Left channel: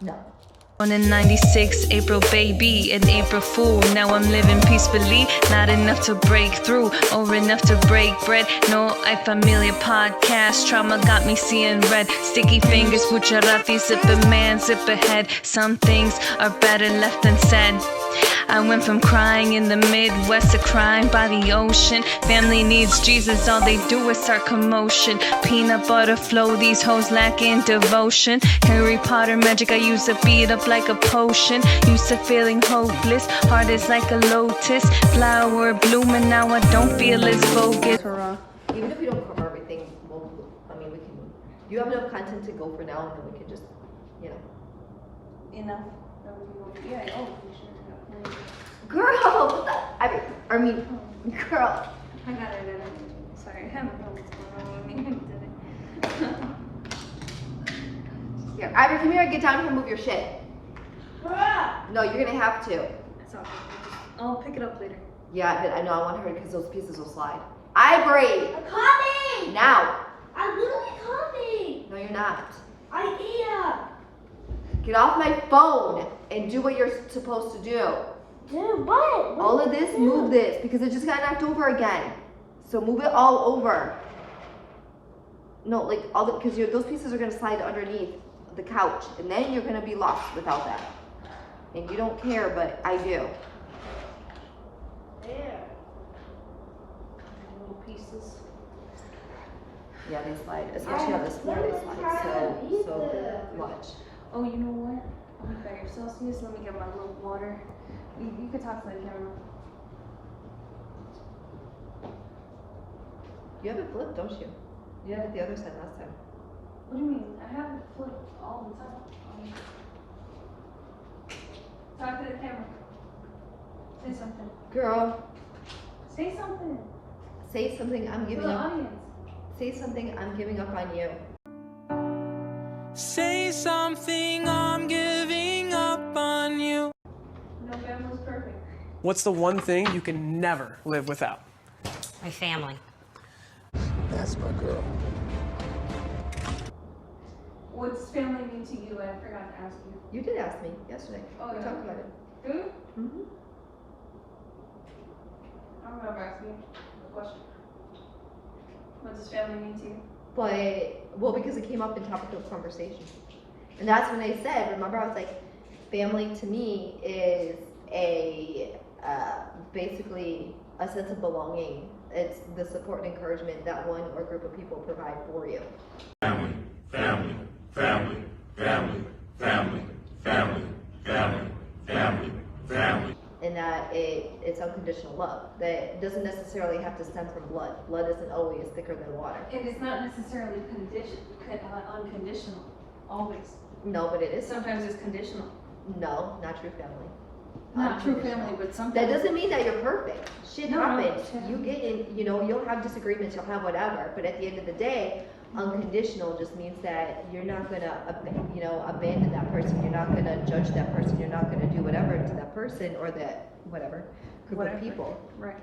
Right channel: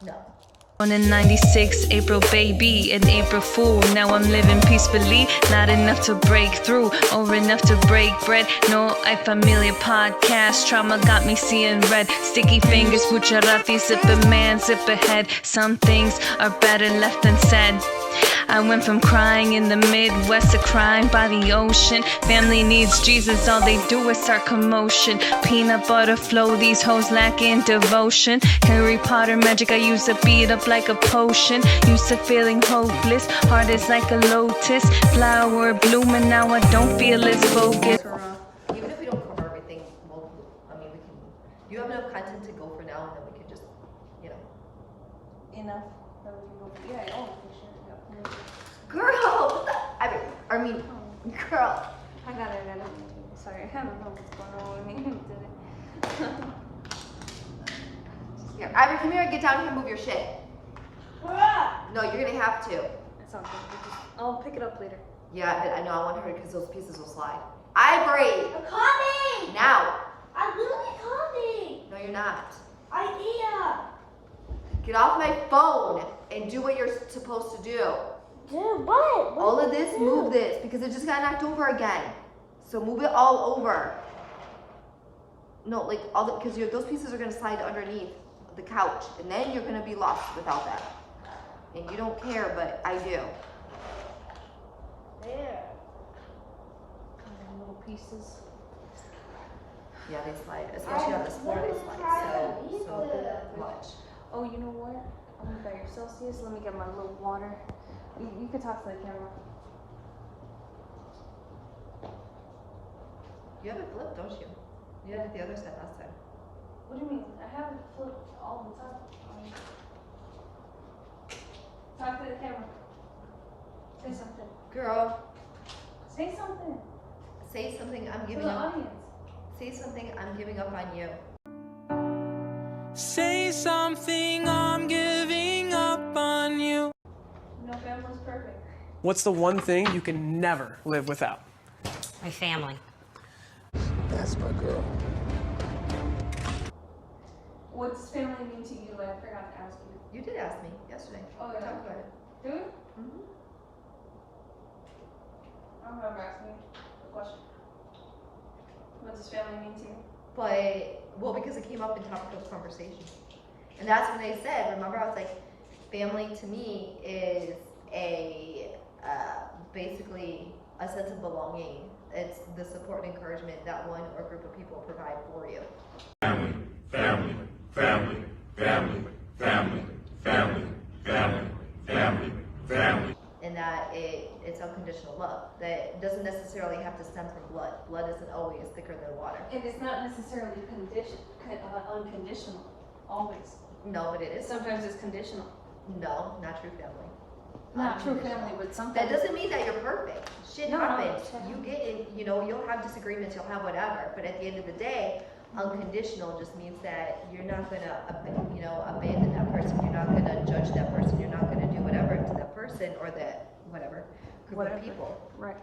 No. Born in 96, April baby, an April fool. Now I'm living peacefully, not enough to break through or enough to break bread. No, I familiar podcast, trauma got me seeing red. Sticky fingers, Gujarati, zip a man, zip ahead. Some things are better left unsaid. I went from crying in the Midwest to crying by the ocean. Family needs Jesus, all they do is start commotion. Peanut butter flow, these hoes lacking devotion. Harry Potter magic, I used to beat up like a potion. Used to feeling hopeless, heart is like a lotus. Flower blooming, now I don't feel as focused. Even if we don't cover everything, we can. Do you have enough content to go for now, and then we can just, Enough. Yeah, oh, for sure. Girl! Girl. I got it. Sorry, I don't know what's going on. Here, Ivory, come here and get down here and move your shit. No, you're gonna have to. It's all good. I'll pick it up later. Yeah, but I know I want her because those pieces will slide. Ivory! I'm coming! Now! I'm literally coming! No, you're not. I am! Get off my phone and do what you're supposed to do. Dude, what? All of this, move this, because it just got knocked over again. So move it all over. No, like, because those pieces are gonna slide underneath the couch, and then you're gonna be lost without that. And you don't care, but I do. There. Little pieces. Yeah, they slide, especially on this floor, they slide so much. Oh, you know what? Oh, you got your Celsius. Let me get my little water. You can talk to the camera. You have it flipped, don't you? You had it the other side last time. What do you mean? I have it flipped all the time. Talk to the camera. Say something. Girl, Say something. say something, I'm For giving the up. audience. Say something, I'm giving up on you. Say something, I'm giving up on you. No family's perfect. What's the one thing you can never live without? My family. That's my girl. What does family mean to you? I forgot to ask you. You did ask me yesterday. Oh, We yeah. talked about it. Do you? Mm-hmm. I don't remember asking you the question. What does family mean to you? Because it came up in topic of conversation. And that's when I said, remember, I was like, family to me is basically a sense of belonging. It's the support and encouragement that one or group of people provide for you. Family, family, family, family, family, family, family, family, family. And that it's unconditional love. That it doesn't necessarily have to stem from blood. Blood isn't always thicker than water. It is not necessarily unconditional, always. No, but it is. Sometimes it's conditional. No, not true family. Not true Unconditional. family, but sometimes. That doesn't mean that you're perfect. Shit No, happens. shit You get in, you'll have disagreements, you'll have whatever. But at the end of the day, unconditional just means that you're not gonna, abandon that person. You're not gonna judge that person. You're not gonna do whatever to that person or that group of people. Right.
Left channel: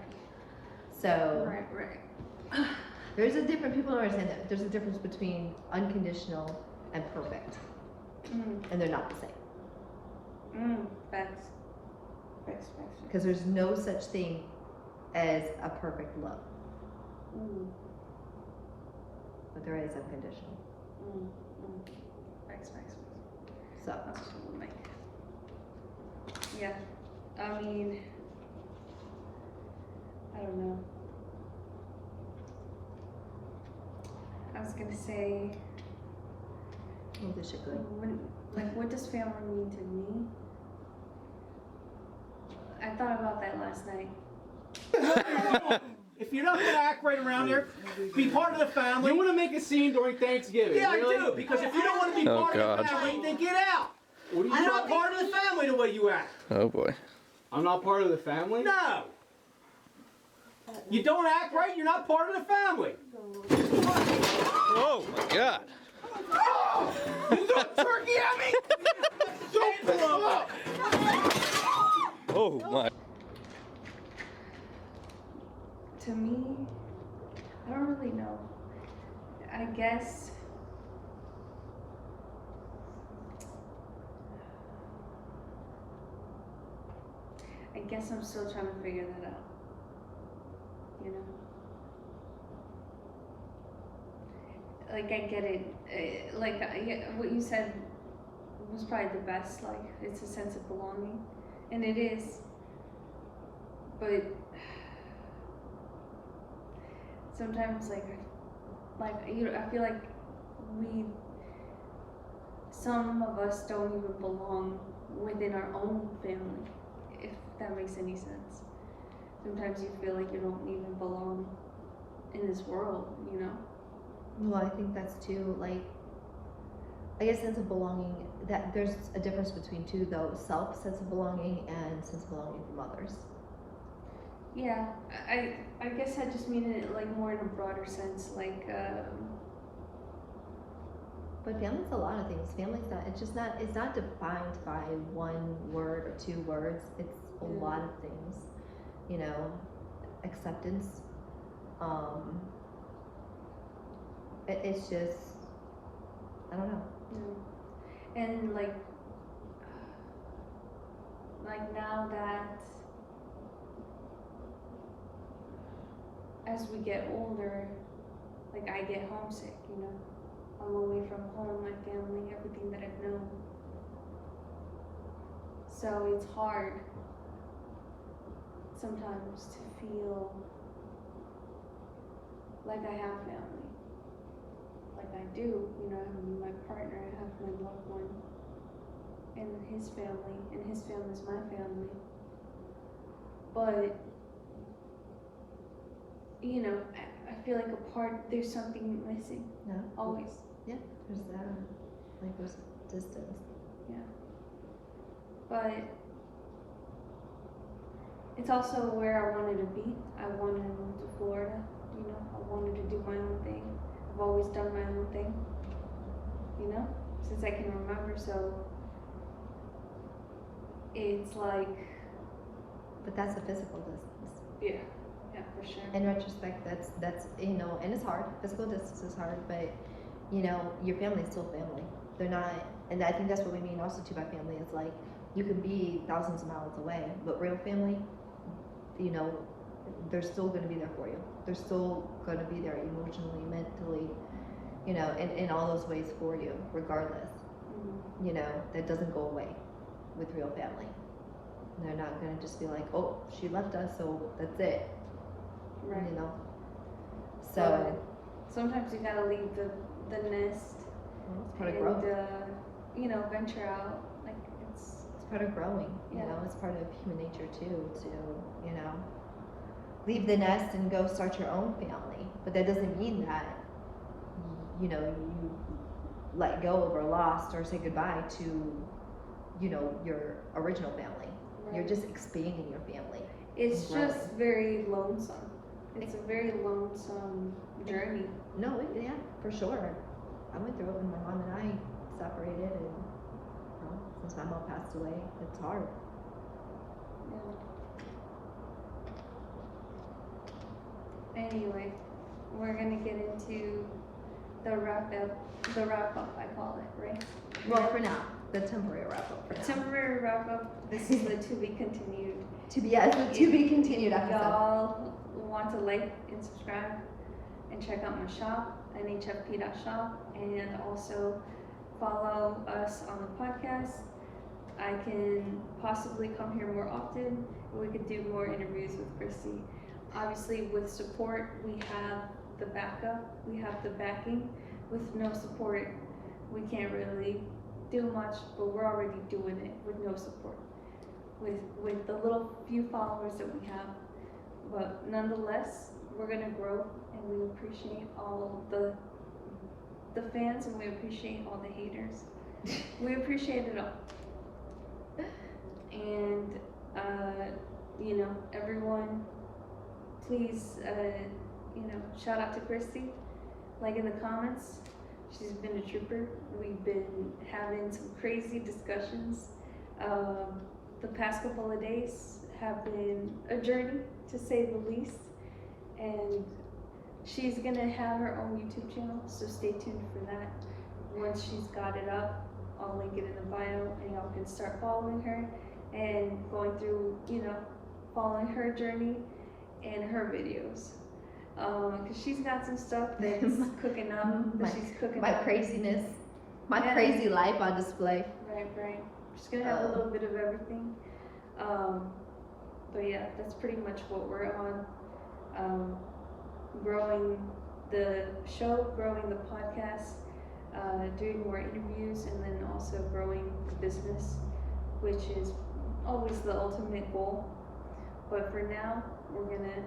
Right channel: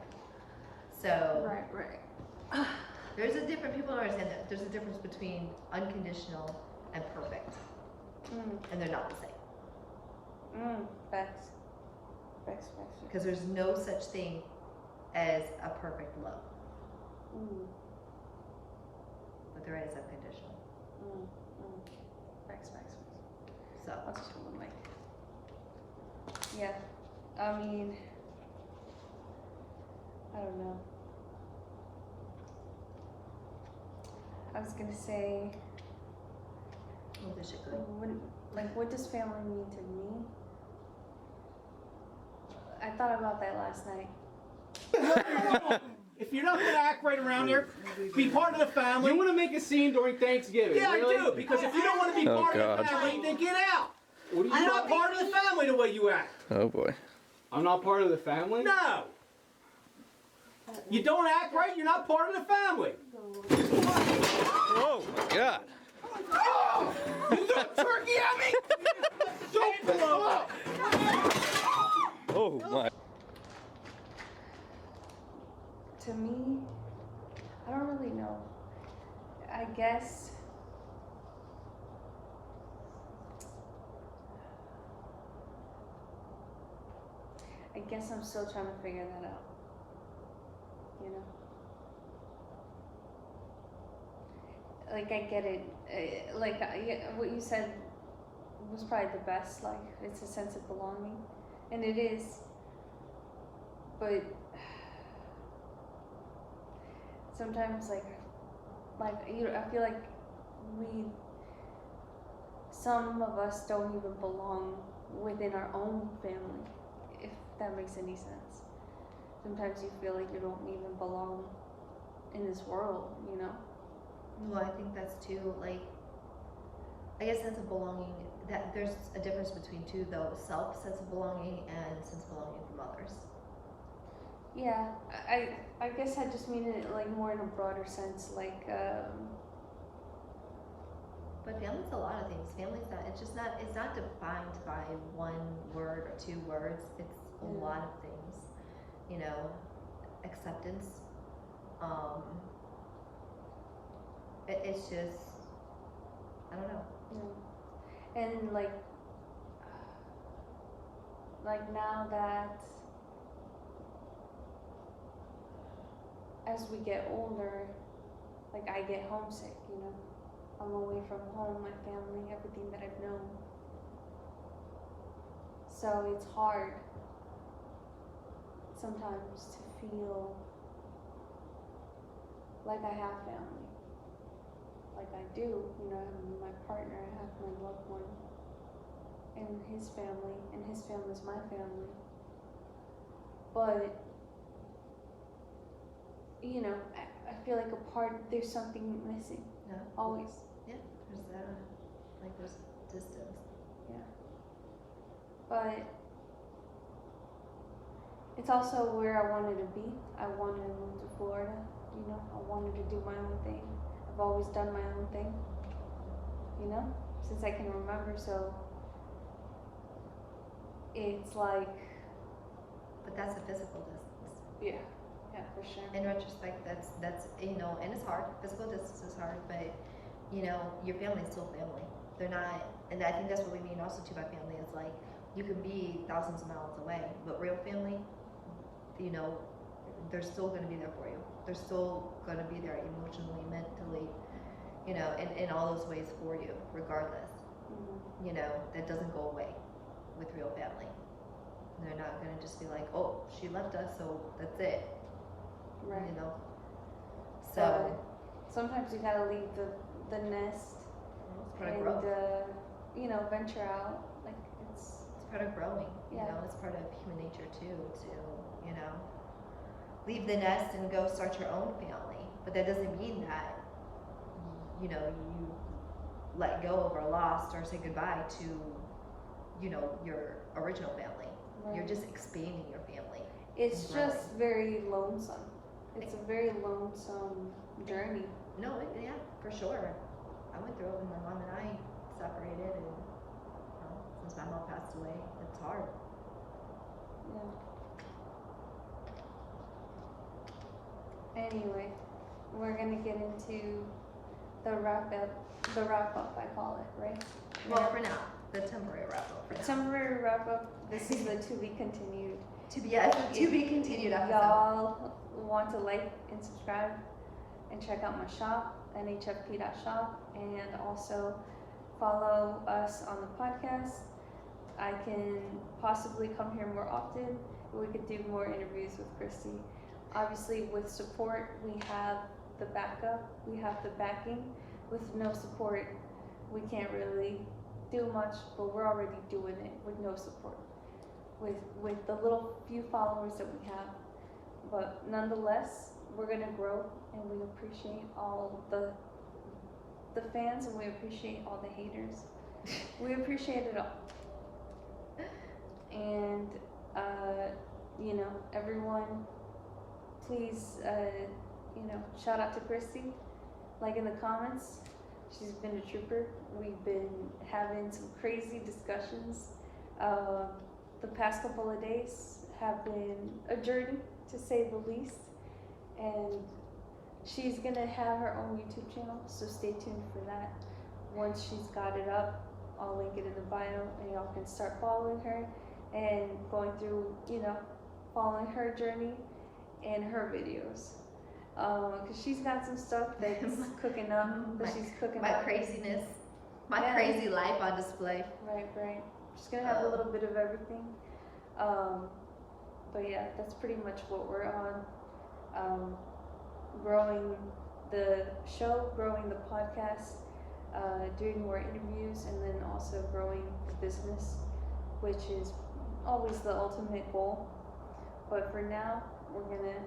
So Right. there's a different. People don't understand that there's a difference between unconditional and perfect, and they're not the same. Facts. Because there's no such thing as a perfect love, but there is unconditional. Facts. So Yeah. I mean, I don't know. I was gonna say, oh, this shit good. what does family mean to me? I thought about that last night. If you're not gonna act right around here, be part of the family. You want to make a scene during Thanksgiving? Yeah, really? I do. Because if you don't want to be part of the family, then get out. You're not part of the family the way you act. Oh boy. I'm not part of the family? No. You don't act right, you're not part of the family. Oh my God. Oh, you threw a turkey at me? Don't blow up. Oh my. To me, I don't really know. I guess guess I'm still trying to figure that out. You know? Like, I get it. What you said was probably the best. Like, it's a sense of belonging. And it is. But sometimes, you know, I feel like some of us don't even belong within our own family, if that makes any sense. Sometimes you feel like you don't even belong in this world, you know? Well, I think that's too, like, I guess sense of belonging, that there's a difference between two though, self sense of belonging and sense of belonging from others. Yeah, I guess I just mean it like more in a broader sense, like, But family's a lot of things. Family's not, it's not defined by one word or two words. It's a lot of things, you know, acceptance. It's just, I don't know. And like now that as we get older, like I get homesick, you know. I'm away from home, my family, everything that I've known. So it's hard sometimes to feel like I have family. Like I do, you know, I have my partner, I have my loved one, and his family's my family. But, you know, I feel like there's something missing. No? Always. Yeah, there's that. Like there's distance. Yeah. But it's also where I wanted to be. I wanted to move to Florida, you know. I wanted to do my own thing. I've always done my own thing, you know, since I can remember, so it's like... But that's a physical distance. Yeah, for sure. In retrospect, that's you know, and it's hard. Physical distance is hard, but you know, your family's still family. They're not, and I think that's what we mean also too by family is like, you can be thousands of miles away, but real family, you know, they're still going to be there for you. They're still going to be there emotionally, mentally, you know, in all those ways for you, regardless. Mm-hmm. You know, that doesn't go away with real family. They're not going to just be like, oh, she left us, so that's it. Right. You know? So sometimes you gotta leave the nest. Well, it's part of growth. You know, venture out. Like it's part of growing. You know, it's part of human nature too. To you know, leave the nest and go start your own family. But that doesn't mean that you know you let go of or lost or say goodbye to you know your original family. Right. You're just expanding your family. It's just very lonesome. It's a very lonesome journey. No, yeah, for sure. I went through it when my mom and I separated, and since my mom passed away, it's hard. Yeah. Anyway, we're gonna get into the wrap up, I call it, right? Well, for now, the temporary wrap up. For now. Temporary wrap up. This is the to be continued. To be continued episode. Y'all want to like and subscribe and check out my shop, nhfp.shop, and also follow us on the podcast. I can possibly come here more often. We could do more interviews with Christie. Obviously, with support, we have the backup, we have the backing. With no support, we can't really do much, but we're already doing it with no support. With the little few followers that we have. But nonetheless, we're gonna grow, and we appreciate all the fans, and we appreciate all the haters. We appreciate it all. And you know, everyone, please, you know, shout out to Christie. Like in the comments, she's been a trooper. We've been having some crazy discussions. The past couple of days have been a journey, to say the least. And she's gonna have her own YouTube channel, so stay tuned for that. Once she's got it up, I'll link it in the bio, and y'all can start following her and going through, following her journey and her videos. Because she's got some stuff that's cooking up. My craziness, my crazy life on display. Right. Just gonna have a little bit of everything. But yeah, that's pretty much what we're on. Growing the show, growing the podcast, doing more interviews, and then also growing the business, which is always the ultimate goal. But for now, we're gonna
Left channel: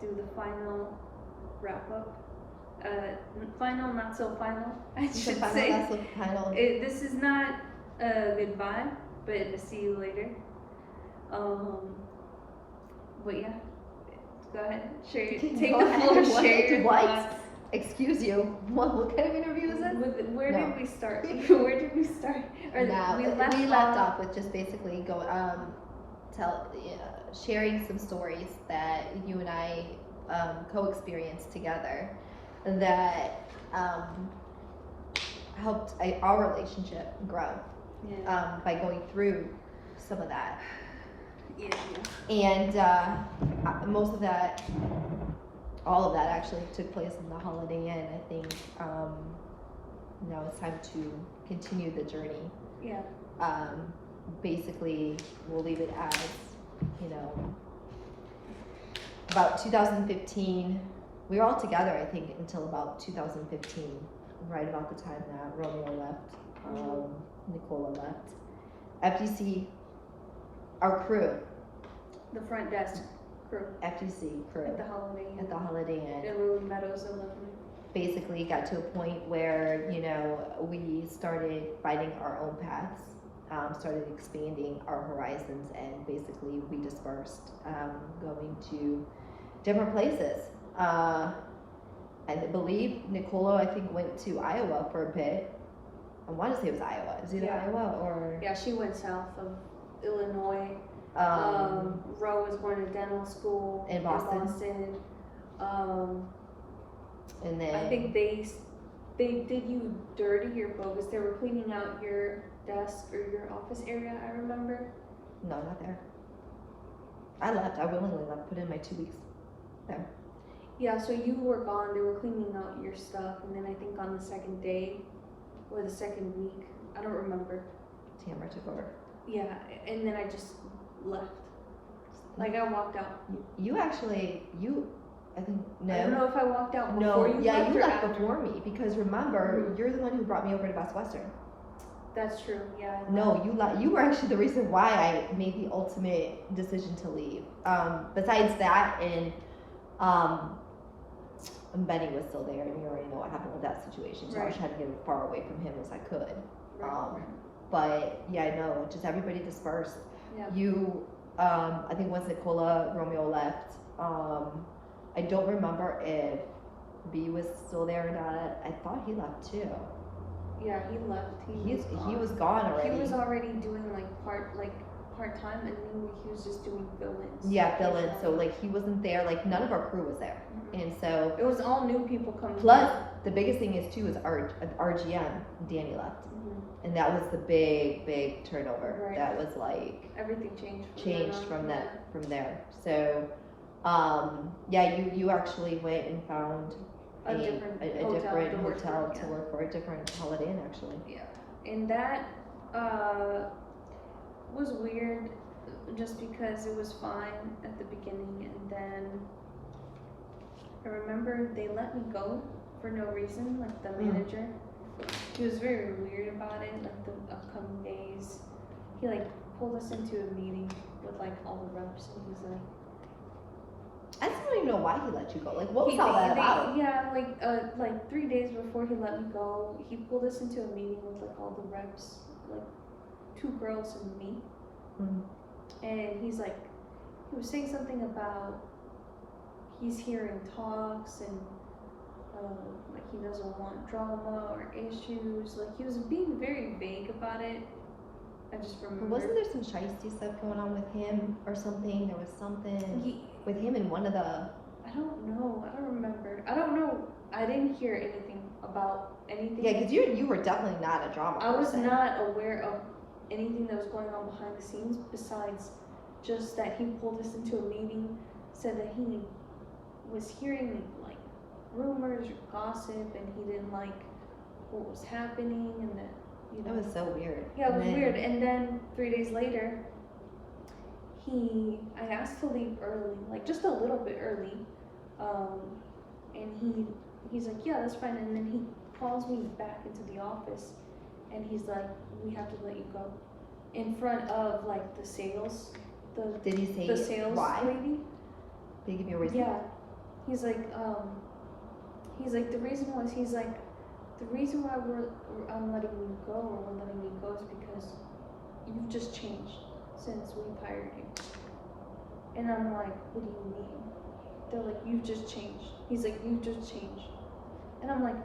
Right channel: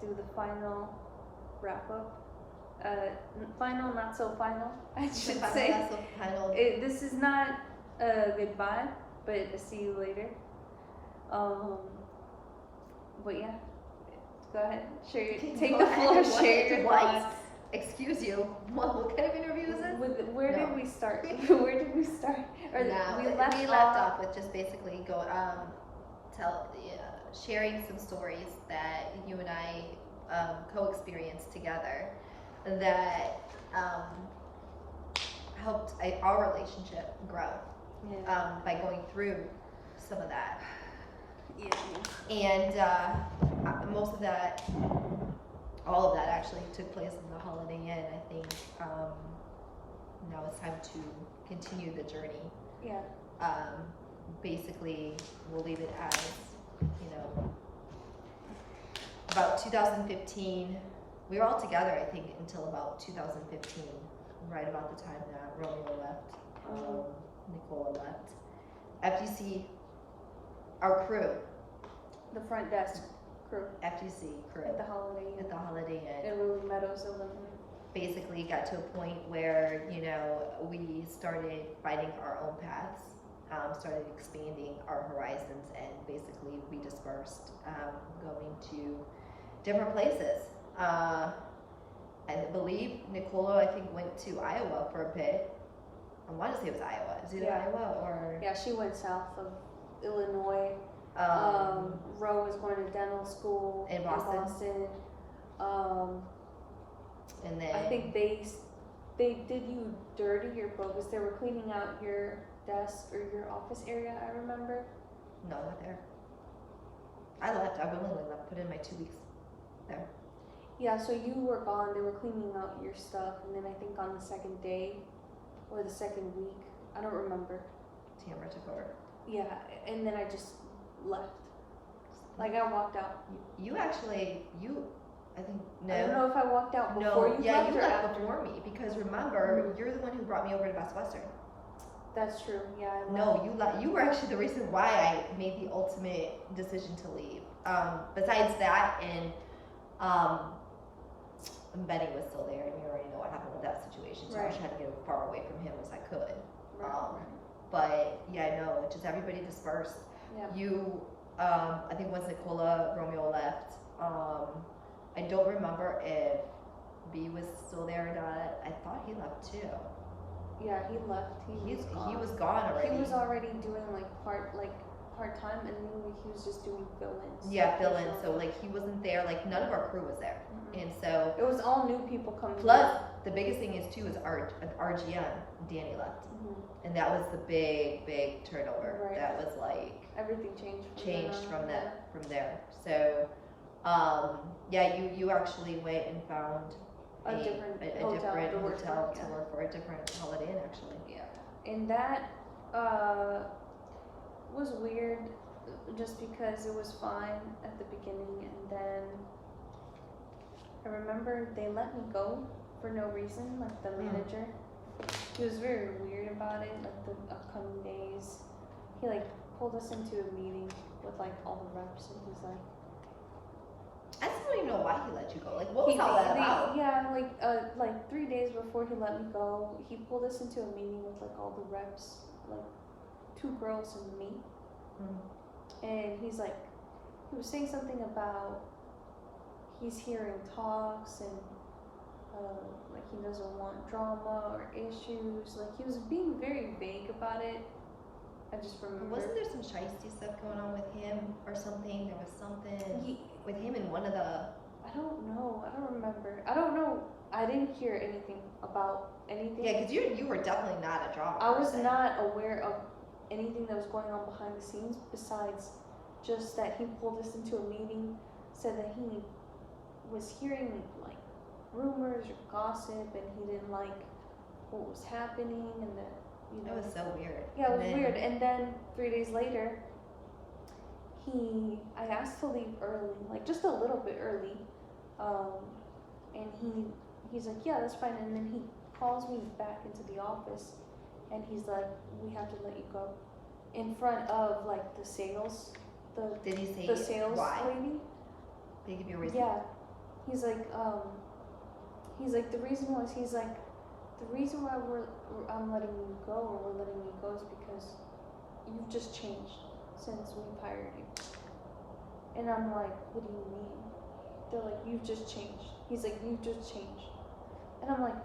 do the final wrap up. Final, not so final, I should say. Not so final. This is not a goodbye, but a see you later. But yeah, go ahead, share your take the floor, share your thoughts. Excuse you. What kind of interview is it? Where did we start? Where did we start? We left off with just basically sharing some stories that you and I co-experienced together that helped our relationship grow by going through some of that. And most of that, all of that actually took place in the Holiday Inn. I think now it's time to continue the journey. Basically, we'll leave it as, about 2015. We were all together, I think, until about 2015, right about the time that Romeo left, Nicola left. FGC, our crew. The front desk crew. FGC crew. At the Holiday Inn. In Everwood Meadows 11. Basically got to a point where, we started finding our own paths, started expanding our horizons, and basically we dispersed, going to different places. I believe Nicola, I think, went to Iowa for a bit. I want to say it was Iowa. Is it Iowa or? Yeah, she went south of Illinois. Ro was going to dental school in Boston. And then I think they did you dirty or bogus. They were cleaning out your desk or your office area, I remember. No, not there. I left. I willingly left. Put in my 2 weeks there. Yeah, so you were gone. They were cleaning out your stuff, and then I think on the second day or the second week, I don't remember. Tamara took over. Yeah, and then I just left. Like I walked out. I think, no. I don't know if I walked out before you left. Yeah, you left after. before me, because remember, you're the one who brought me over to Best Western. That's true, yeah. No, you were actually the reason why I made the ultimate decision to leave. Besides that, and Benny was still there, and you already know what happened with that situation, so I was trying to get as far away from him as I could. But yeah, no, just everybody dispersed. Yeah. You, I think once Nicola, Romeo left, I don't remember if B was still there or not. I thought he left too. Yeah, he left. He was gone already. He was already doing part time, and then he was just doing fill-ins. Yeah, fill-ins. So like he wasn't there. Like none of our crew was there, and so it was all new people coming. Plus, the biggest thing is too is our RGM. Danny left, and that was the big turnover. Right. That was like everything changed from there. So, yeah, you actually went and found a different hotel to work for, a different Holiday Inn actually. Yeah, and that was weird, just because it was fine at the beginning, and then I remember they let me go for no reason, like the manager. He was very weird about it, like the upcoming days. He pulled us into a meeting with all the reps, and he's like, I still don't even know why he let you go. Like, what was all that about? Yeah, 3 days before he let me go, he pulled us into a meeting with all the reps, 2 girls and me. And he was saying something about he's hearing talks and he doesn't want drama or issues. He was being very vague about it. I just remember. Wasn't there some shiesty stuff going on with him or something? There was something with him in one of the. I don't know. I don't remember. I don't know. I didn't hear anything about anything. Yeah, because you were definitely not a drama person. I was not aware of anything that was going on behind the scenes besides just that he pulled us into a meeting, said that he was hearing like rumors or gossip and he didn't like what was happening and that, you know. That was so weird. Yeah, it was And then- weird. And then 3 days later, I asked to leave early, like just a little bit early, and he's like, yeah, that's fine. And then he calls me back into the office, and he's like, we have to let you go, in front of like the sales, Did he say the sales why? lady. Did he give you a reason? Yeah, he's like, the reason was, he's like, the reason why I'm letting you go, or we're letting you go, is because you've just changed since we've hired you. And I'm like, what do you mean? They're like, you've just changed. He's like, you've just changed. And I'm like,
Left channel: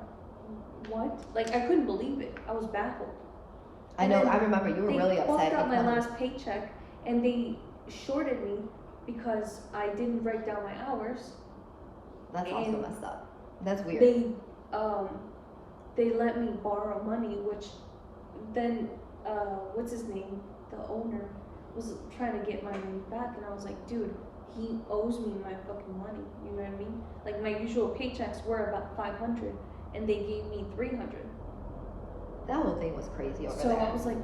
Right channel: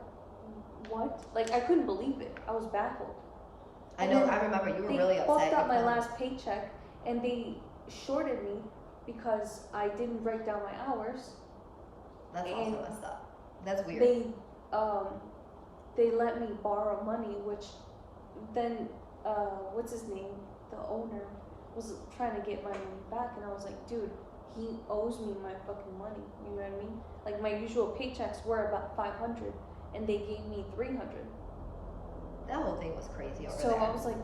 what? Like, I couldn't believe it. I was baffled. I know, I remember you were really upset. They fucked up my because- last paycheck, and they shorted me because I didn't write down my hours. That's also and messed up. That's weird. They let me borrow money, which then, what's his name? The owner was trying to get my money back, and I was like, dude, he owes me my fucking money. You know what I mean? Like, my usual paychecks were about 500, and they gave me 300. That whole thing was crazy over So there. I was like,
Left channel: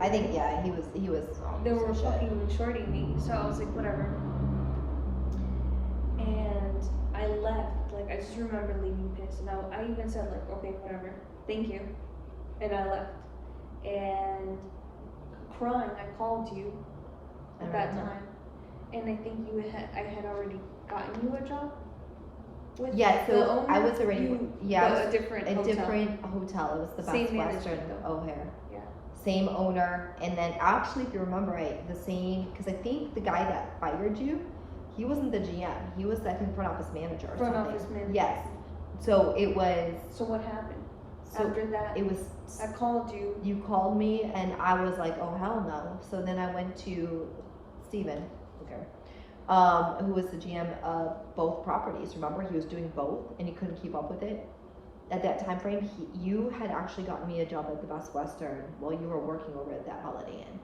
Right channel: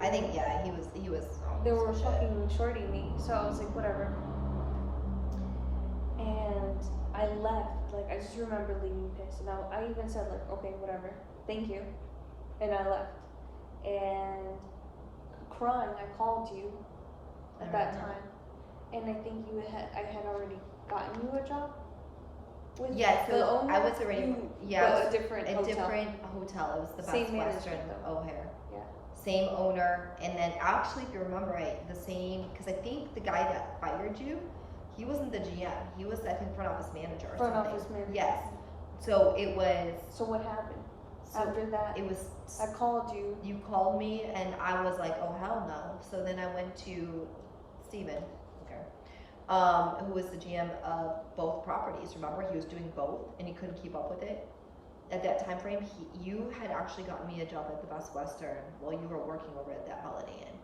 I think, yeah, he was. they were some shit. fucking shorting me. So I was like, whatever. And I left. Like, I just remember leaving pissed. And I even said, like, okay, whatever. Thank you. And I left. And crying, I called you at that time. And I think I had already gotten you a job. With Yeah, the so owner. I was already, yeah, a different hotel. different hotel. It was the Best Same Western management, though. O'Hare. Yeah. Same owner, and then actually, if you remember right, the same, because I think the guy that fired you, he wasn't the GM. He was the front office manager or Front something. office manager. Yes. So it was. So what happened? So After that, it was. I called you. You called me, and I was like, oh hell no. So then I went to Steven, who was the GM of both properties. Remember, he was doing both, and he couldn't keep up with it. At that time frame, you had actually gotten me a job at the Best Western while you were working over at that Holiday Inn,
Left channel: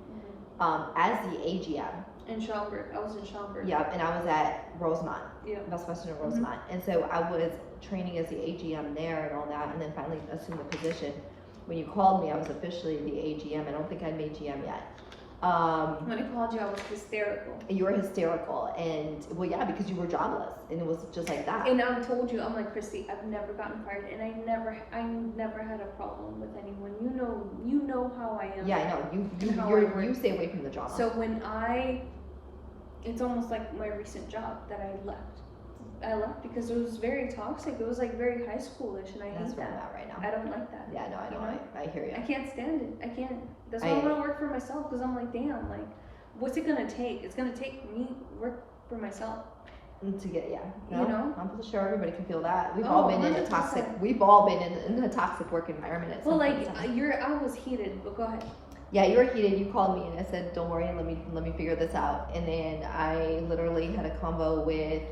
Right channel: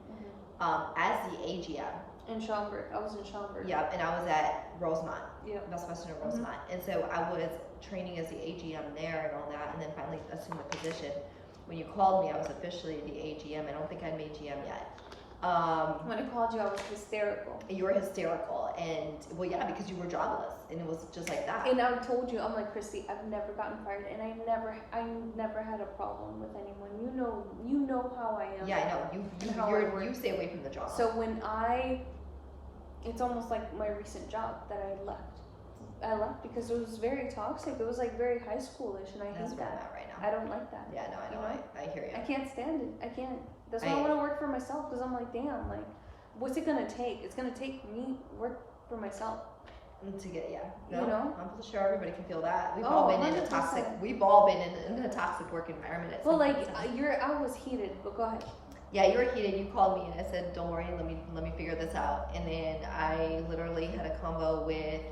as the AGM. In Schaumburg. I was in Schaumburg. Yeah, and I was at Rosemont, Yeah. Best Western in Rosemont, and so I was training as the AGM there and all that, and then finally assumed the position. When you called me, I was officially the AGM. I don't think I'd made GM yet. When I called you, I was hysterical. You were hysterical, and well, yeah, because you were jobless, and it was just like that. And I told you, I'm like, Christy, I've never gotten fired, and I never had a problem with anyone. You know how I am. Yeah, I know. How I work. You stay away from the drama. So it's almost like my recent job that I left. I left because it was very toxic. It was like very high schoolish, and I That's hate where I'm that. at right now. I don't like that. Yeah, no, I know. I hear you. I can't stand it. I can't. That's why I want to work for myself, because I'm like, damn, like, what's it gonna take? It's gonna take me work for myself. To get, yeah. No, You know? I'm sure everybody can feel that. We've Oh, all been in a 100%. toxic. We've all been in a toxic work environment. At Well, some like, point in time. I was heated, but go ahead. Yeah, you were heated. You called me and I said, "Don't worry, let me figure this out." And then I literally had a convo with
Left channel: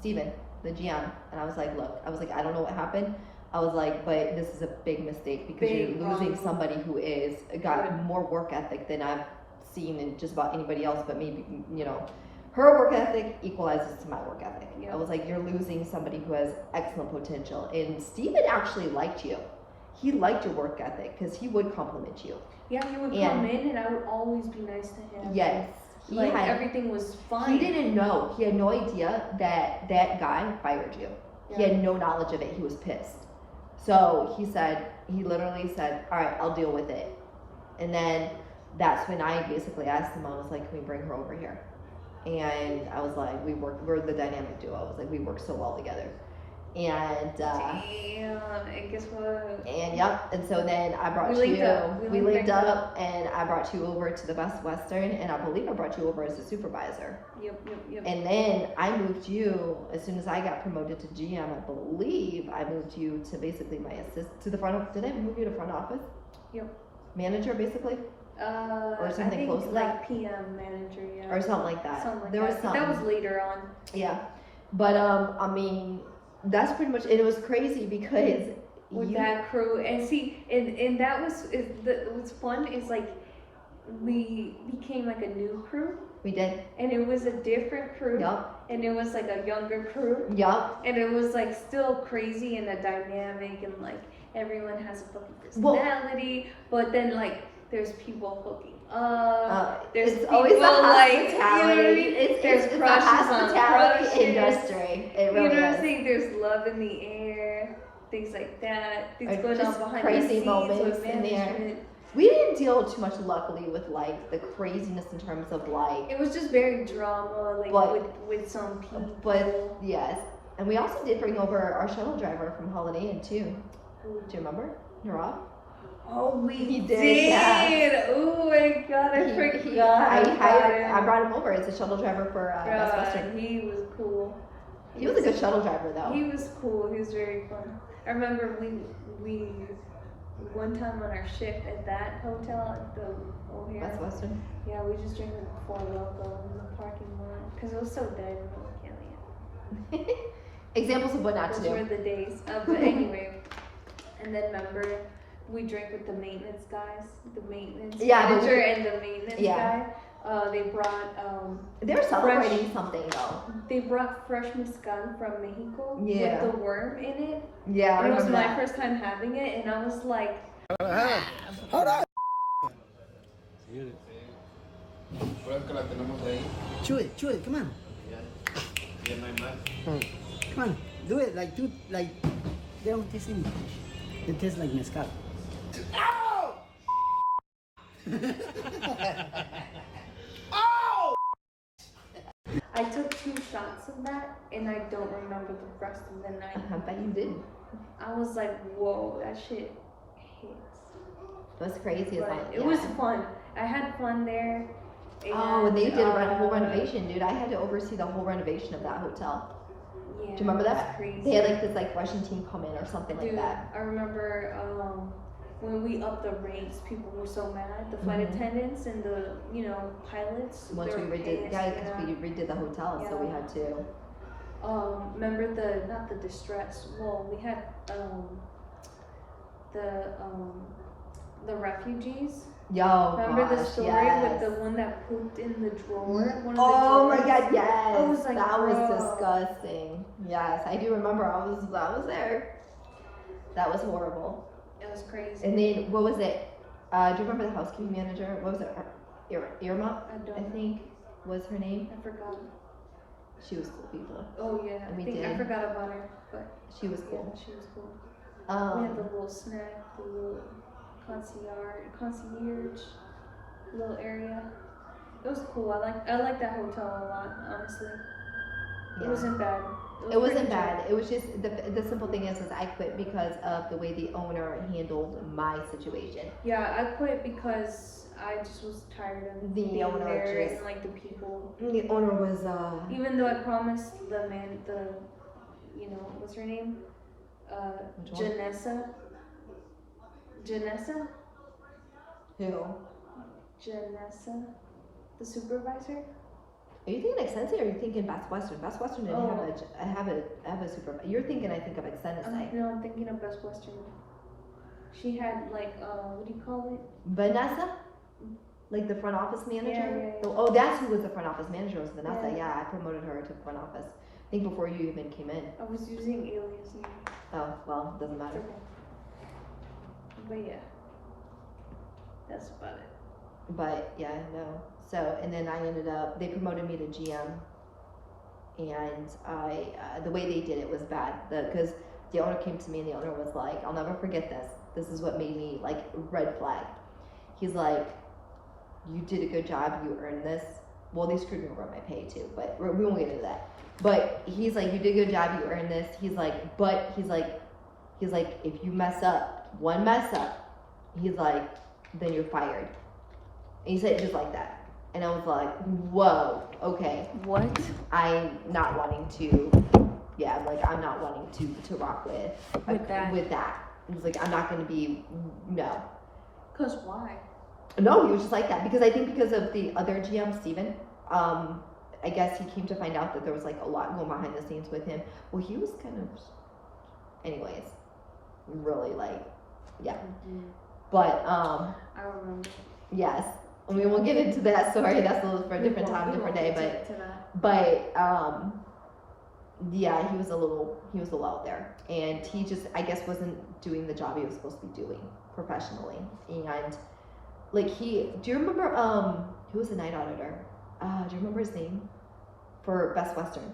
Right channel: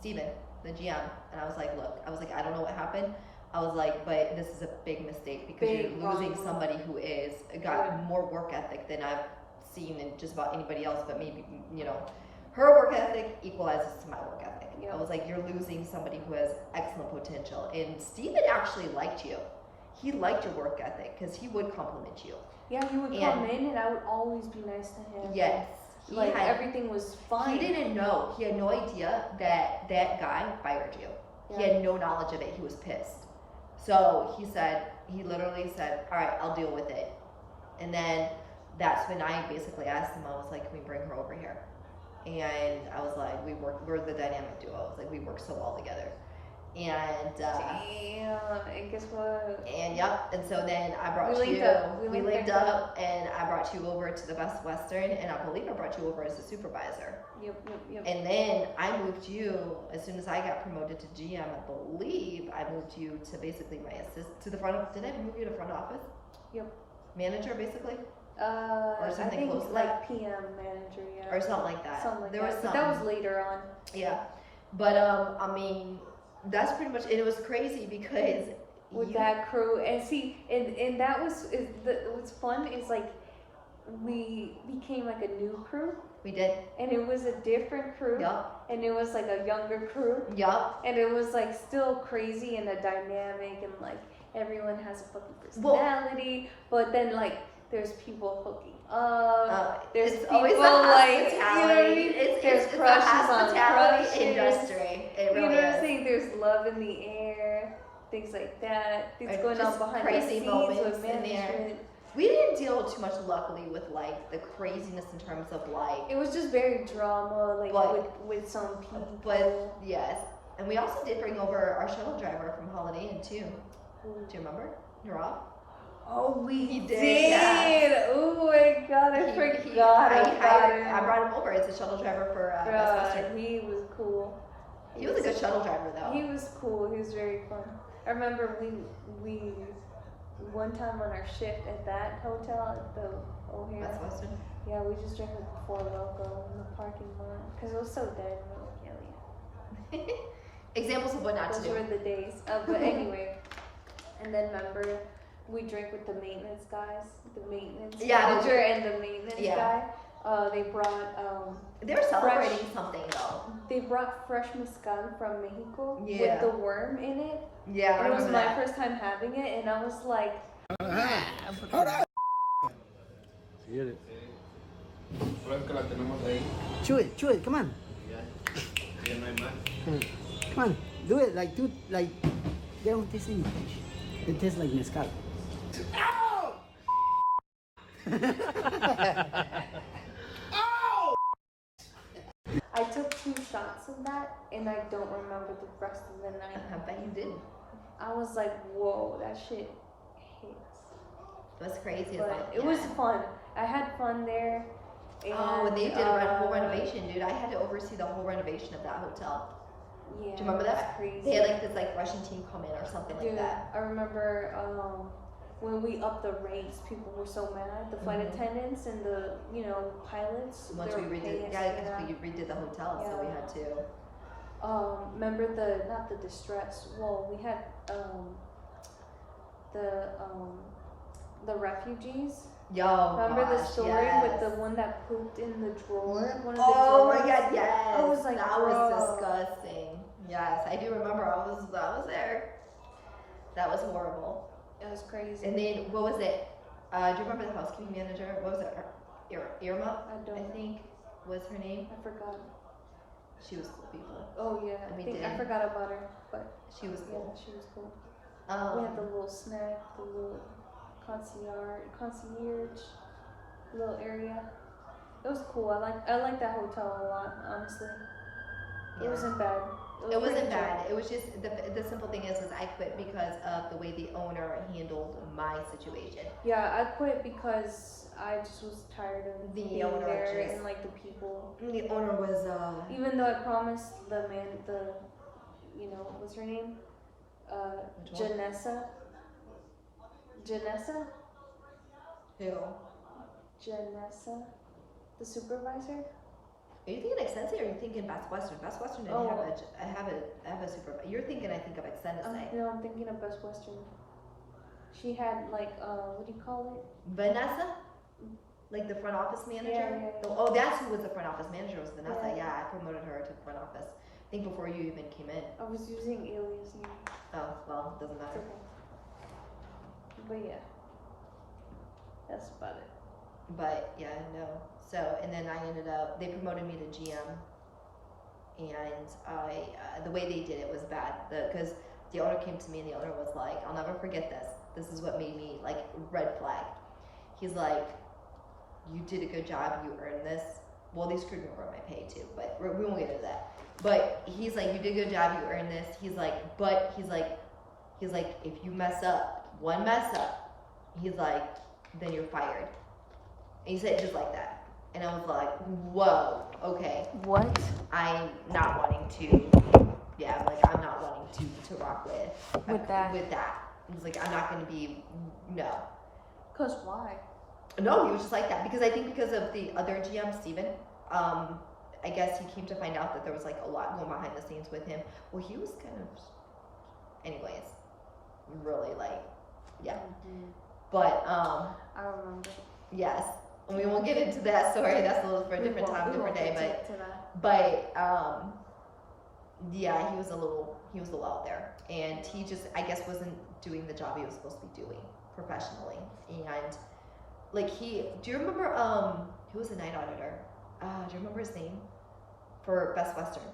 Steven, the GM, and I was like, "Look, I don't know what happened. I was like, but this is a big mistake because Big, you're losing somebody who is got more work ethic than I've seen in just about anybody else. But maybe her work ethic equalizes to my work ethic. Yeah. I was like, you're losing somebody who has excellent potential." And Steven actually liked you. He liked your work ethic because he would compliment you. Yeah, he would come in, and I would always be nice to him. Yes. Like, everything was fine. He didn't know. He had no idea that that guy fired you. He Yeah. had no knowledge of it. He was pissed. So he literally said, "All right, I'll deal with it." And then that's when I basically asked him, I was like, "Can we bring her over here?" And I was like, we're the dynamic duo. I was like, we work so well together. And Damn, and guess what? and yep, and so then I brought We you. linked up. We We linked linked up, and I brought you over to the Best Western, and I believe I brought you over as a supervisor. Yep. And then I moved you as soon as I got promoted to GM. I believe I moved you to basically my to the front of. Did I move you to front office? Yep. Manager, basically, or something I think close to like that, PM manager, yeah. or something like that. Something like there that. was But something. that was later on. Yeah, but I mean, that's pretty much. It was crazy because With that crew, and see, and that was what's fun is like we became like a new crew, We did. and it was a different crew. Yup. And it was like a younger crew. Yup. And it was like still crazy and a dynamic, and like everyone has a fucking Well- personality, but then like there's people hooking up. There's it's people always the like, hospitality. there's It's the crushes on hospitality crushes. industry. It You really know what I'm is. saying? There's love in the air, things like that. Things Like, going on just behind crazy the scenes moments with in there. management. We didn't deal too much, luckily, with like the craziness in terms of like. It was just very drama, like But- with some people. But yes, and we also did bring over our shuttle driver from Holiday Inn too. Do you remember? Nirav? Oh, we did, yeah. Oh my god, I forgot. I brought him over as a shuttle driver for Best Western. He was cool. He was a good shuttle driver though. He was cool. He was very fun. I remember we one time on our shift at that hotel at the O'Hare. Best Western. Yeah, we just drank it before Loco in the parking lot because it was so dead. And I'm like, hell yeah. Examples of what not to Those were do. the days. But anyway, and then remember we drank with the maintenance guys, the maintenance manager and the maintenance guy. They brought They were celebrating something though. they brought fresh mezcal from Mexico Yeah. with the worm in it. Yeah, I It was remember my that. first time having it, and I was like, Hold on. Chew it, come on. Come on, do it like they don't taste any fish. They taste like mezcal. I took 2 shots of that, and I don't remember the rest of the night. I bet you did. I was like, whoa, that shit hits. It was crazy as But hell. it was fun. I had fun there. Oh, and they did a whole uh, renovation, dude. I had to oversee the whole renovation of that hotel. Yeah, Do you remember it was that? Crazy. They had like this like Russian team come in or something Dude, like that. I remember when we upped the rates, people were so mad. The flight Mhm. attendants and the pilots. Once they we were redid, pissed, yeah, because we redid the hotel, so we Yeah. had to. Remember not the distress. Well, we had the refugees. Yo, Remember the gosh, story yes. with the one that pooped in the drawer? One of the Oh my drawers? god, yes. I was like, that was bro. disgusting. Yes, I do remember. I was there. That was horrible. It was crazy. And then what was it? Do you remember the housekeeping manager? What was it? Irma, I I don't. think was her name. I forgot. She was cool people. Oh yeah, And I we think I did. forgot about her, but She was yeah, cool. she was cool. We had the Um, little snack, the little concierge little area. It was cool. I like that hotel a lot, honestly. It Yeah. wasn't bad. it wasn't pretty bad. chill. It was just the simple thing is I quit because of the way the owner handled my situation. Yeah, I quit because I just was tired of The being owner there just- and like the people. The owner was Even though I promised what's her name? Which one? Janessa, who? the supervisor. Are you thinking Excense or are you thinking Best Western? Best Western didn't have a supervisor. You're thinking I think of Excense. No, I'm thinking of Best Western. She had like what do you call it? Vanessa? Like the front office manager? Yeah. Oh, that's who was the front office manager was Vanessa. Yeah. Yeah, I promoted her to front office. I think before you even came in. I was using alias name. Oh, well, doesn't matter. But yeah, that's about it. But yeah, no. So, and then I ended up, they promoted me to GM. And the way they did it was bad. Because the owner came to me and the owner was like, I'll never forget this. This is what made me like red flag. He's like, you did a good job, you earned this. Well, they screwed me over my pay too, but we won't get into that. But he's like, you did a good job, you earned this. He's like, if you mess up, one mess up, he's like, then you're fired. And he said it just like that. And I was like, whoa, okay. What? I'm not wanting to, yeah, like I'm not wanting to rock with that. He was like, I'm not gonna be, no. Cause why? No, he was just like that because I think because of the other GM, Steven, I guess he came to find out that there was like a lot going behind the scenes with him. Well, he was kind of, anyways, really like, yeah. Mm-hmm. But I remember. yes, I mean, we'll get into that story. That's a little for a different time, different day. But yeah, he was a little out there, and he just, I guess, wasn't doing the job he was supposed to be doing professionally. And like do you remember who was the night auditor? Do you remember his name for Best Western?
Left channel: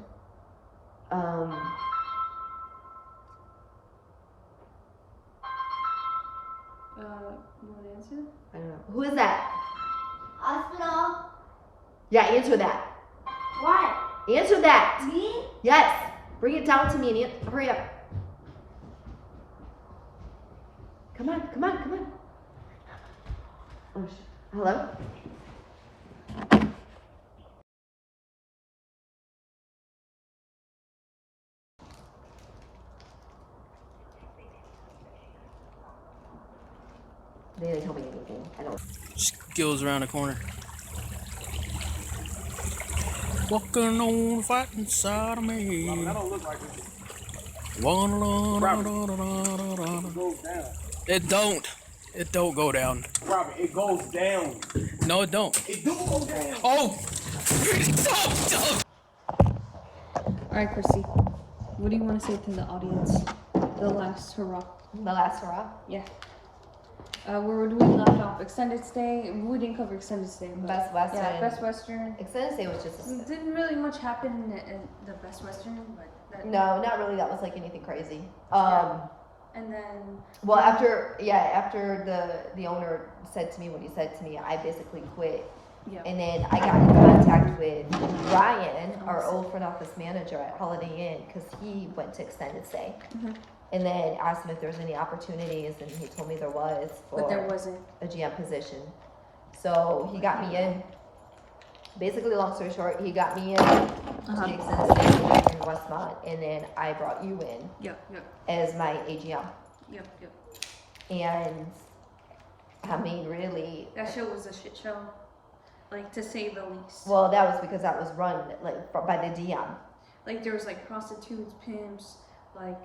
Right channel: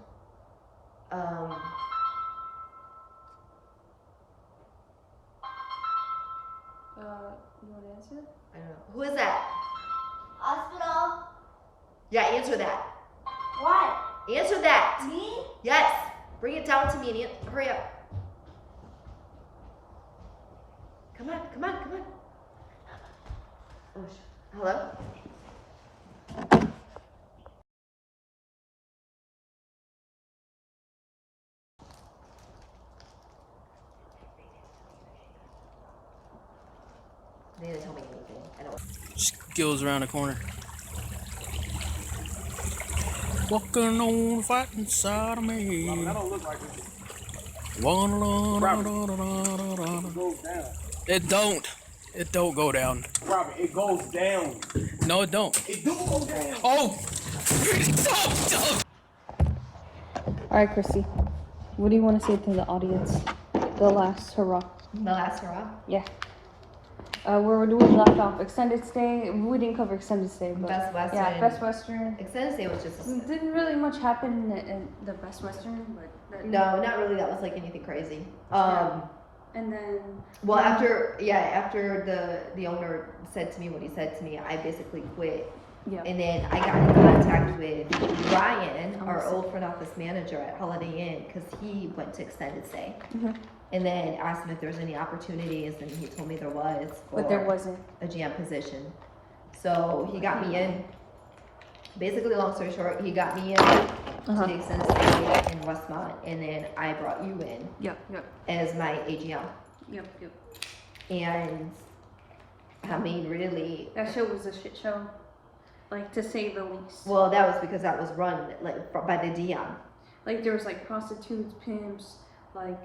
Want to answer? I don't know. Who is that? Hospital. Yeah, answer that. What? Answer that. Me? Yes. Bring it down to me and hurry up. Come on. Oh, hello? They didn't tell me anything. I don't. Skills around the corner. Walking on the fighting side of me. That don't look like it. It goes down. It don't go down. Robert, it goes down. No, it don't. It do go down. Oh! All right, Christy. What do you want to say to the audience? The last hurrah. The last hurrah? Yeah. Where do we left off? Extended stay. We didn't cover extended stay. But Best Western. Yeah, Best Western. Extended stay was just Didn't really much happen in the Best Western, but no, not really. That was like anything crazy. And then Well, after the owner said to me what he said to me, I basically quit. yeah. And then I got in contact with Ryan, our old front office manager at Holiday Inn, because he went to extended stay. Mhm. And then asked him if there was any opportunities, and he told me there was for But there wasn't. a GM position. So he got me in. Basically, long story short, he got me in Uh-huh. to extended stay in Westmont, and then I brought you in Yep. as my AGM. Yep. And I mean, really, That show was a shit show, like to say the least. well, that was because that was run like by the DM. Like there was like prostitutes, pimps, like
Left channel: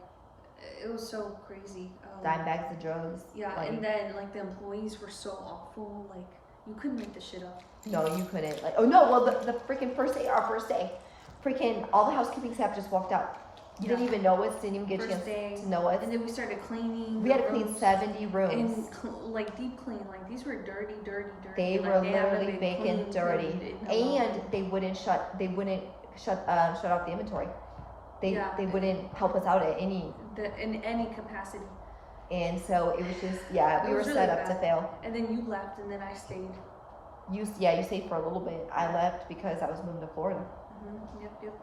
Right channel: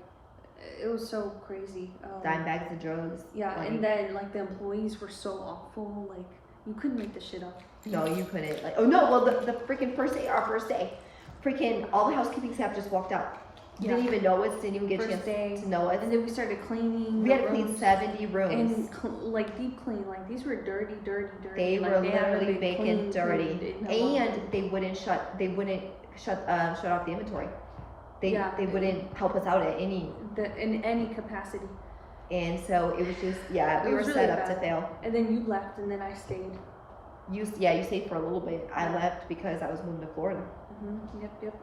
it was so crazy. Dime bags of drugs. Yeah, like, and then like the employees were so awful. Like you couldn't make this shit up. no, you couldn't. Like, oh no, well the freaking our first day, freaking all the housekeeping staff just walked out. Didn't Yeah. even know us. Didn't even get a First chance day, to know us. and then we started cleaning. We the had to clean rooms 70 rooms. and like deep clean. Like these were dirty. They like, were they haven't literally been bacon cleaned dirty, in a month. and they wouldn't shut off the inventory. Yeah. They wouldn't help us out at any. In any capacity. And so it was just, yeah, It we were was set really up to bad. fail. And then you left, and then I stayed. You stayed for a little bit. I left because I was moving to Florida. Yep.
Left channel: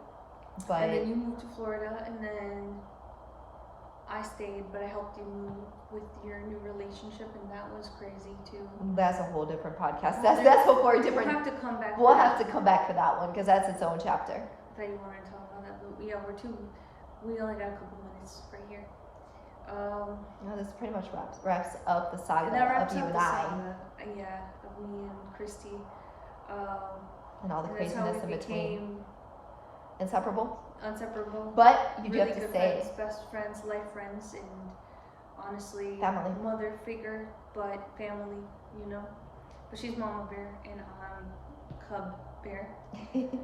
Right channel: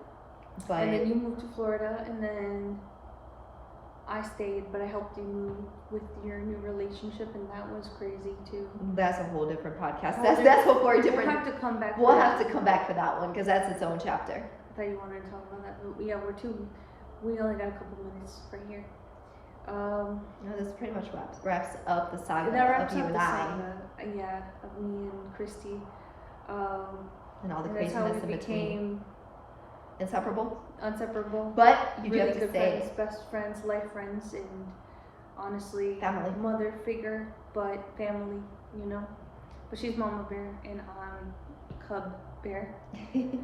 But And then you moved to Florida, and then I stayed, but I helped you move with your new relationship, and that was crazy too. that's a whole different podcast. Whole That's for a We'll different. have to come back. We'll to have that. to come back for that one because that's its own chapter. I thought you wanted to talk about that, but yeah, we only got a couple minutes right here. No, this pretty much wraps up the saga That wraps of you up and the I saga, yeah, of me and Christy. and all the And that's how craziness we in between. became Inseparable. inseparable. But you do Really have to good say friends, best friends, life friends, and honestly, family. mother figure, but family, you know. But she's Mama Bear and I'm Cub Bear, and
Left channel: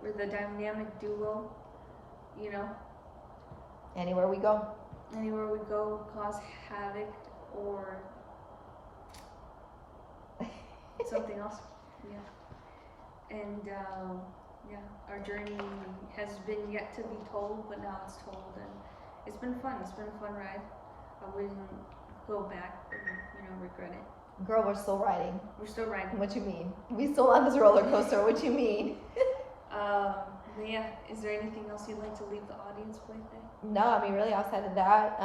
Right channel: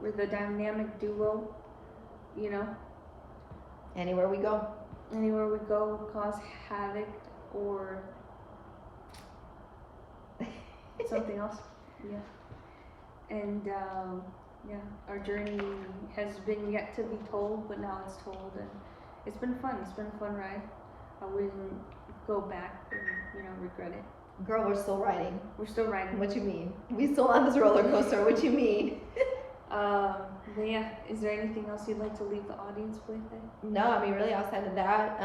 we're the dynamic duo, you know. Anywhere we go. Anywhere we go, cause havoc or something else. Yeah. And yeah, our journey has been yet to be told, but now it's told, and it's been fun. It's been a fun ride. I wouldn't go back and regret it. Girl, we're still riding. We're still riding. What you mean? We still on this roller coaster. What you mean? But yeah, is there anything else you'd like to leave the audience with? No, I mean really outside of that,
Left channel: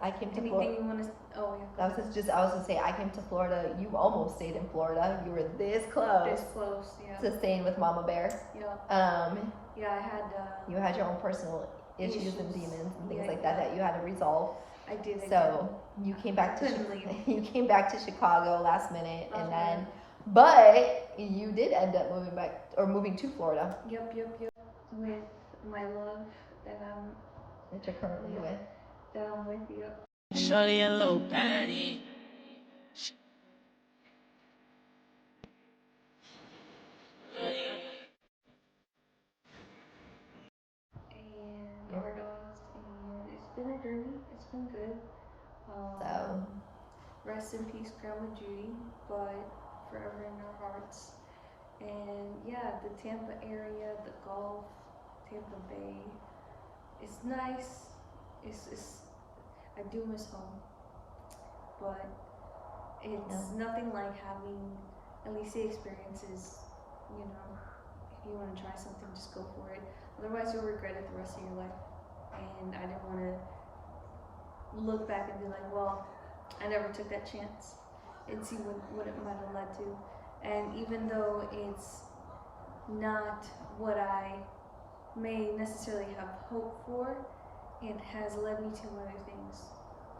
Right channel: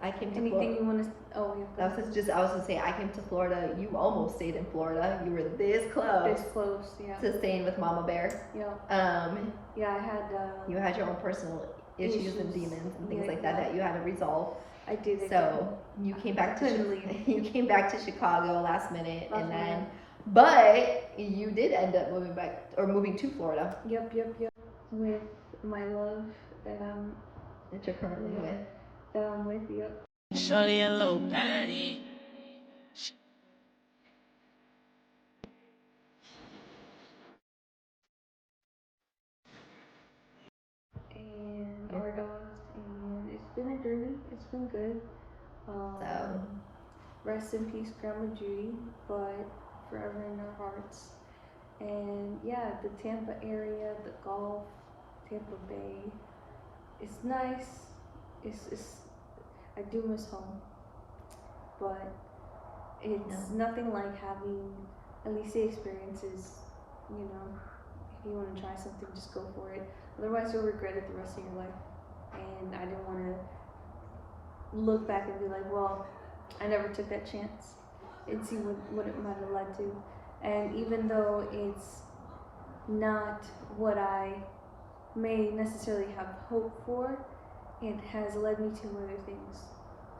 I came to Anything Florida. you want to? Oh yeah. go I was gonna say I came to Florida. You almost stayed in Florida. You were this close ahead. This close, yeah. to staying with Mama Bear. Yeah. Yeah, I had. You had your own personal issues and demons and things Yeah, like that you had to resolve. I did it. So you came back to Couldn't leave. you came back to Chicago last minute, and Last then minute. but you did end up moving back or moving to Florida Yep. With my love that that you're currently with. I'm with. Yep. Shorty a little patty. good. Rest in peace, Grandma Judy, but forever in our hearts. And yeah, the Tampa area, the Gulf, Tampa Bay, it's nice. It's I do miss home, but it's nothing like having at least the experiences. You know, if you want to try something, just go for it. Otherwise, you'll regret it the rest of your life. And I didn't want to look back and be like, well, I never took that chance, and see what it might have led to. And even though it's not what I may necessarily have hoped for, it has led me to other things,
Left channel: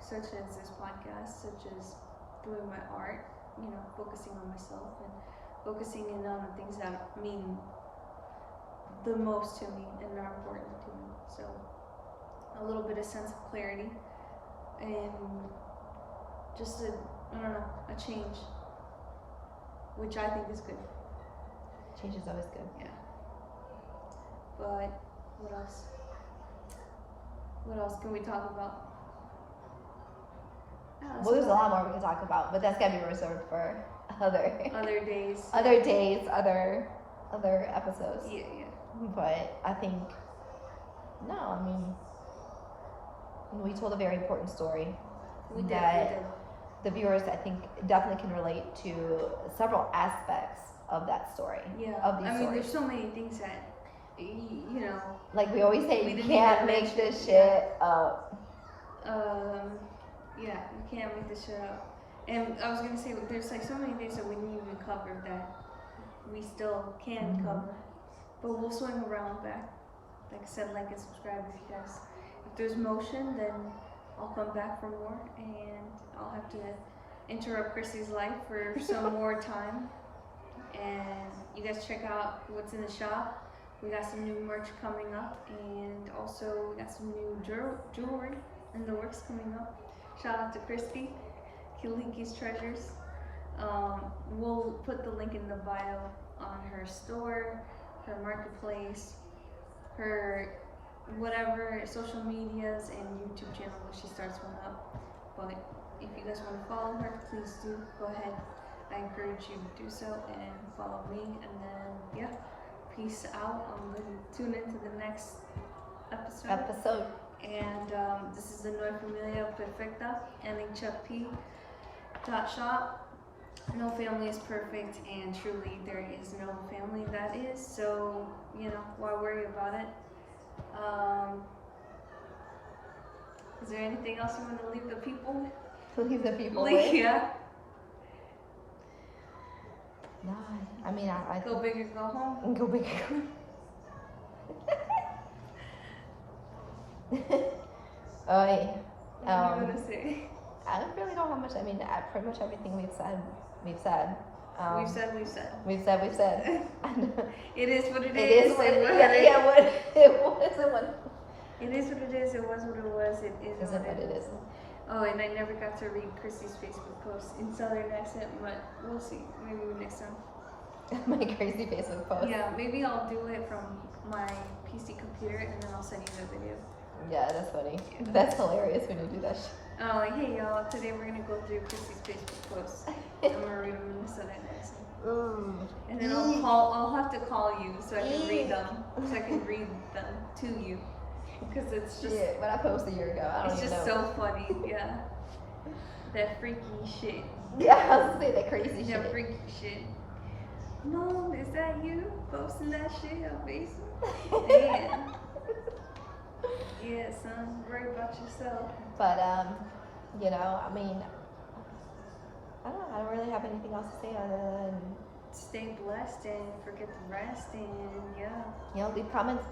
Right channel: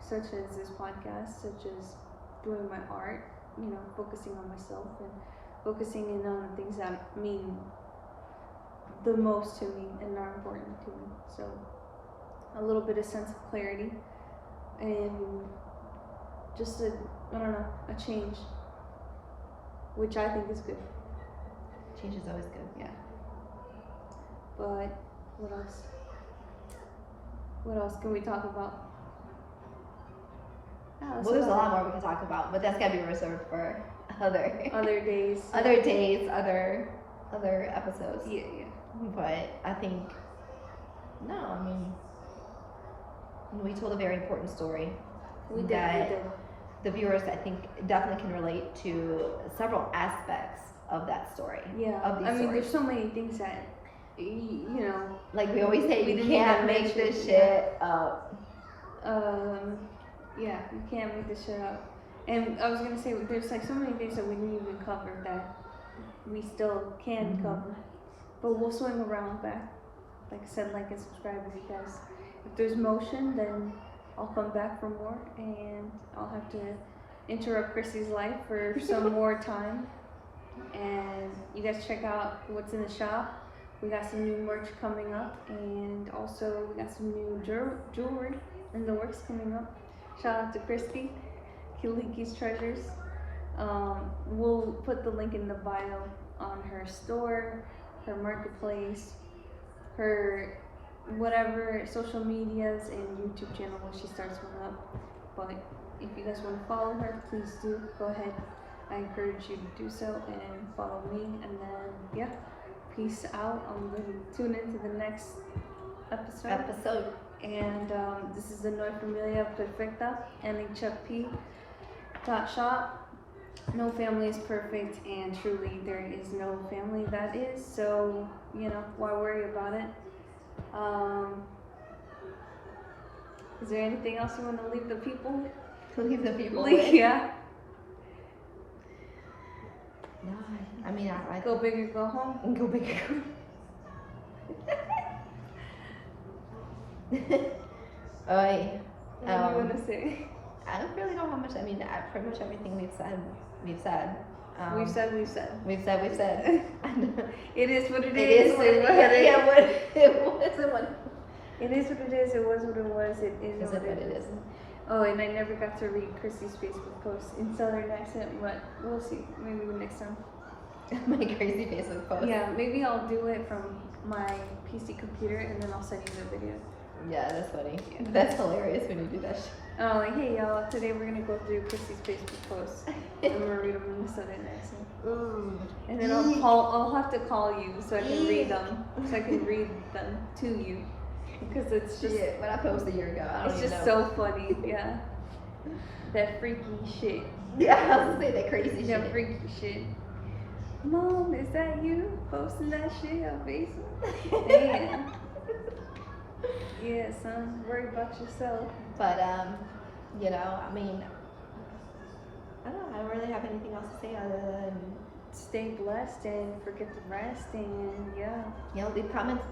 such as this podcast, such as doing my art, you know, focusing on myself and focusing in on the things that mean the most to me and are important to me. So a little bit of sense of clarity and just a change, which I think is good. Change is always good. Yeah. But what else? What else can we talk about? Well, there's a lot more we can talk about, but that's gotta be reserved for other days. other days, other episodes. Yeah. But I think we told a very important story. We did. The viewers, I think, definitely can relate to several aspects of that story. Yeah. Of these stories. There's so many things that you know. Like we always say, you can't make this shit up. Yeah, you can't make this shit up. And I was gonna say, there's like so many things that we didn't even cover that we still can cover. But we'll swing around back. Like I said, like and subscribe as you guys. If there's motion, then I'll come back for more, and I'll have to interrupt Christie's life for some more time. And you guys check out what's in the shop. We got some new merch coming up, and also we got some new jewelry in the works coming up. Shout out to Christie, Kuliki's Treasures. We'll put the link in the bio on her store, her marketplace, her whatever social medias and YouTube channel when she starts one up. But if you guys want to follow her, please do go ahead. I encourage you to do so and follow me. And then yeah, peace out. Tune into the next episode. And this is the Noi Familia Perfecta, NHFP.shop. No family is perfect, and truly there is no family that is, so, you know, why worry about it? Is there anything else you want to leave the people with? Leave the people with? Yeah. No, I mean, I go big or go home. Go big. What do you want to say? I don't really know how much. I mean, pretty much everything we've said. We've said. It is what it is. It is what it is. Yeah, what it was. It is what it is. It was what it was. It is what it is. Oh, and I never got to read Christie's Facebook post in Southern accent, but we'll see. Maybe next time. My crazy Facebook post. Yeah, maybe I'll do it from my PC computer, and then I'll send you the video. Yeah, that's funny. Yeah. That's hilarious when you do that shit. Oh, hey y'all, today we're gonna go through Christie's Facebook posts. I'm gonna read them in the Southern accent. And then I'll have to call you so I can read them. So I can read them to you. Because it's just... Yeah, when I posted a year ago, I don't even know. It's just so funny, yeah. That freaky shit. Yeah, I was gonna say that crazy shit. That freaky shit. Mom, is that you posting that shit on Facebook? Yeah. Yeah, son, worry about yourself. But, you know, I mean, I don't really have anything else to say other than stay blessed and forget the rest, and yeah. You know, leave comments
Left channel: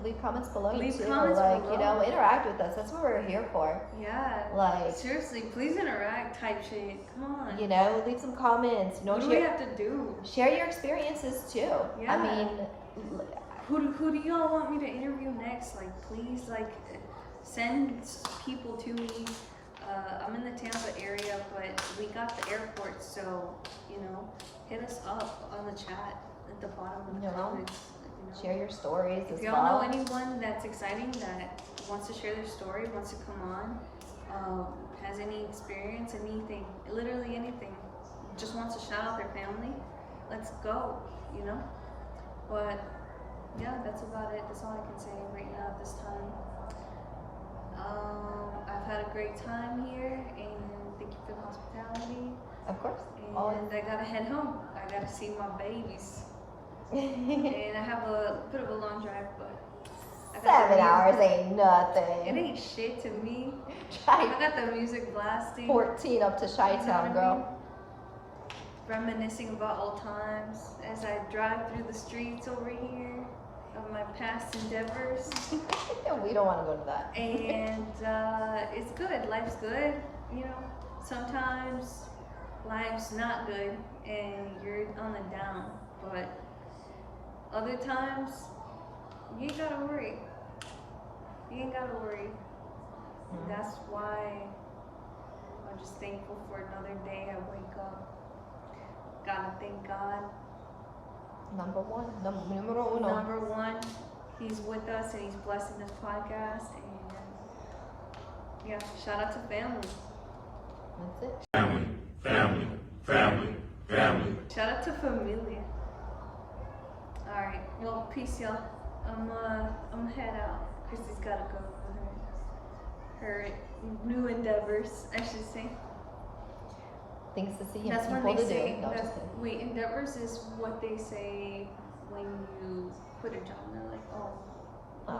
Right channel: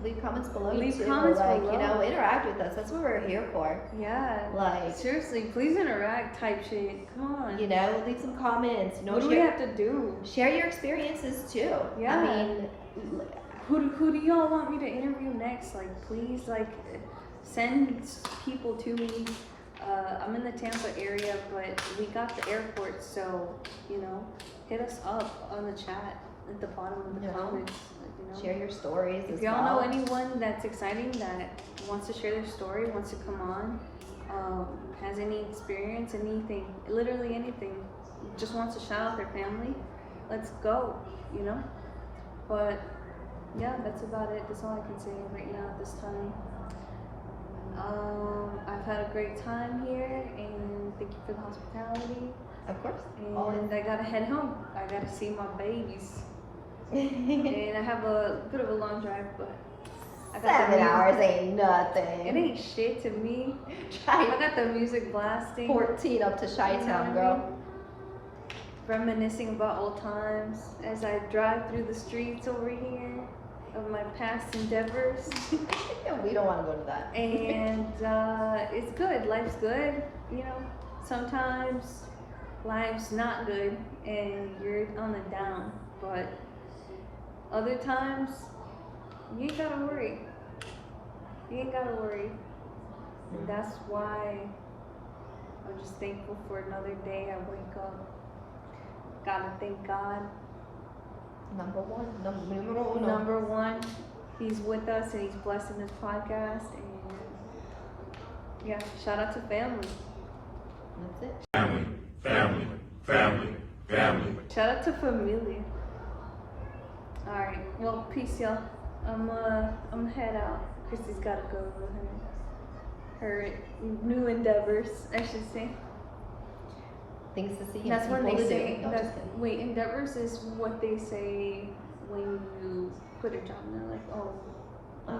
below. Leave comments below. You know, interact with us. That's what we're here for. Yeah. Like, seriously, please interact type shit. Come on. You know, leave some comments. You know, what do we have to do? Share your experiences too. Yeah. I mean, who do y'all want me to interview next? Like, please, like, send people to me. I'm in the Tampa area, but we got the airport, so, you know, hit us up on the chat at the bottom of the comments. You know. Share your stories. If y'all know anyone that's exciting that wants to share their story, wants to come on, has any experience, anything, literally anything, just wants to shout out their family, let's go, you know? But yeah, that's about it. That's all I can say right now at this time. I've had a great time here, and thank you for the hospitality. Of course. And I gotta head home. I gotta see my babies. And I have a bit of a long drive, but I got 7 hours ain't It nothing. ain't shit to me. Try I got the music blasting. 14 up to Chi-Town, girl. Reminiscing about old times as I drive through the streets over here of my past endeavors. We don't want to go to that. And it's good. Life's good. You know, sometimes life's not good and you're on the down, but other times you ain't gotta worry. You ain't gotta worry. And that's why I'm just thankful for another day. I wake up. Gotta thank God. Number one. Number one, He's with us and He's blessing this podcast. And yeah, shout out to family. That's it. Family, family, family, family. Shout out to familia. Alright, well, peace, y'all. I'm head out. Christie's gotta go with her new endeavors, I should say. Things to see. That's and when people they to say. do. No, just kidding. Wait, endeavors is what they say when you quit a job. And they're like, oh.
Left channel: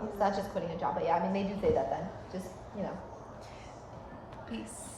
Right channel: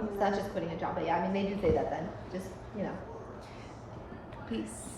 It's not just quitting a job, but yeah, I mean, they do say that then. Just, you know. Peace.